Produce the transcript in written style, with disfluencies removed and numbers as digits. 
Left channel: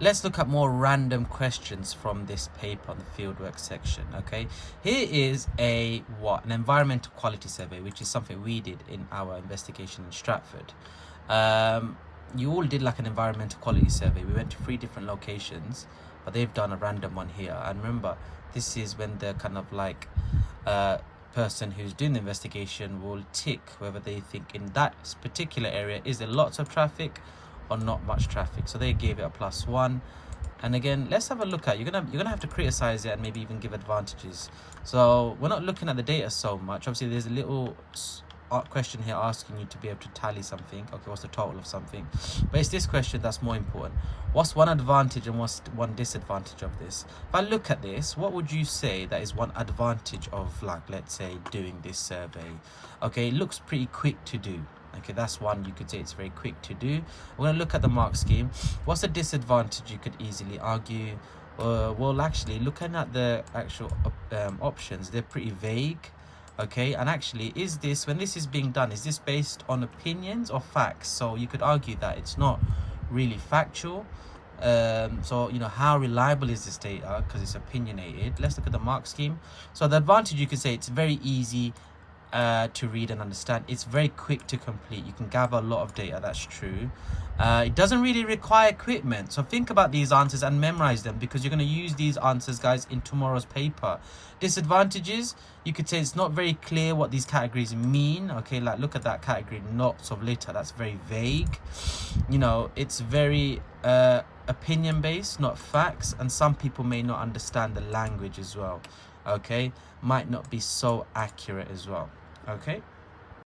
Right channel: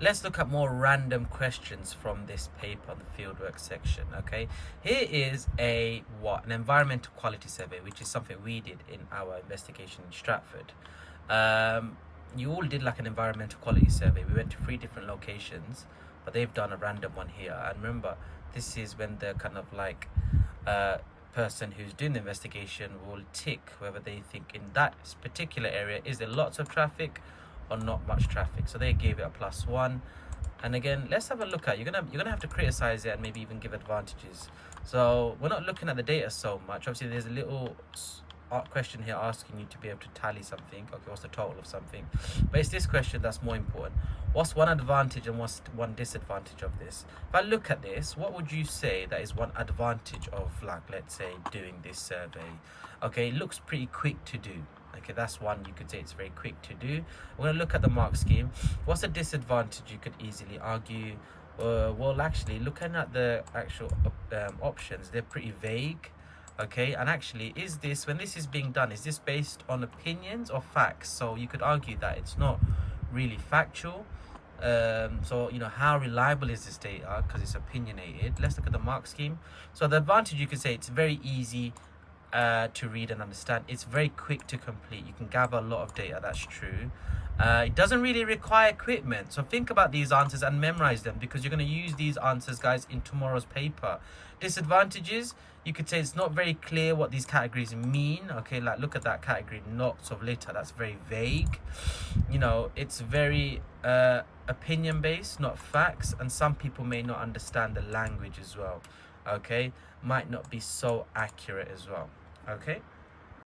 let's look at more random questions from this paper on the fieldwork section. Okay, here is an environmental quality survey, which is something we did in our investigation in Stratford. You all did like an environmental quality survey. We went to 3 different locations, but they've done a random one here. And remember, this is when the kind of like person who's doing the investigation will tick whether they think in that particular area is there lots of traffic or not much traffic. So they gave it a +1. And again, let's have a look at, you're gonna have to criticize it and maybe even give advantages. So we're not looking at the data so much. Obviously there's a little question here asking you to be able to tally something. Okay, what's the total of something? But it's this question that's more important. What's one advantage and what's one disadvantage of this? If I look at this, what would you say that is one advantage of, like, let's say doing this survey? Okay, it looks pretty quick to do. Okay, that's one, you could say it's very quick to do. We're going to look at the mark scheme. What's a disadvantage? You could easily argue, well, actually looking at the actual options, they're pretty vague. Okay, and actually, is this, when this is being done, is this based on opinions or facts? So you could argue that it's not really factual. So how reliable is this data, because it's opinionated. Let's look at the mark scheme. So the advantage, you could say it's very easy to read and understand. It's very quick to complete. You can gather a lot of data, that's true. It doesn't really require equipment, so think about these answers and memorize them, because you're going to use these answers, guys, in tomorrow's paper. Disadvantages, you could say it's not very clear what these categories mean. Okay, like look at that category, knots of litter, that's very vague. It's very opinion based, not facts, and some people may not understand the language as well. Okay, might not be so accurate as well. Okay.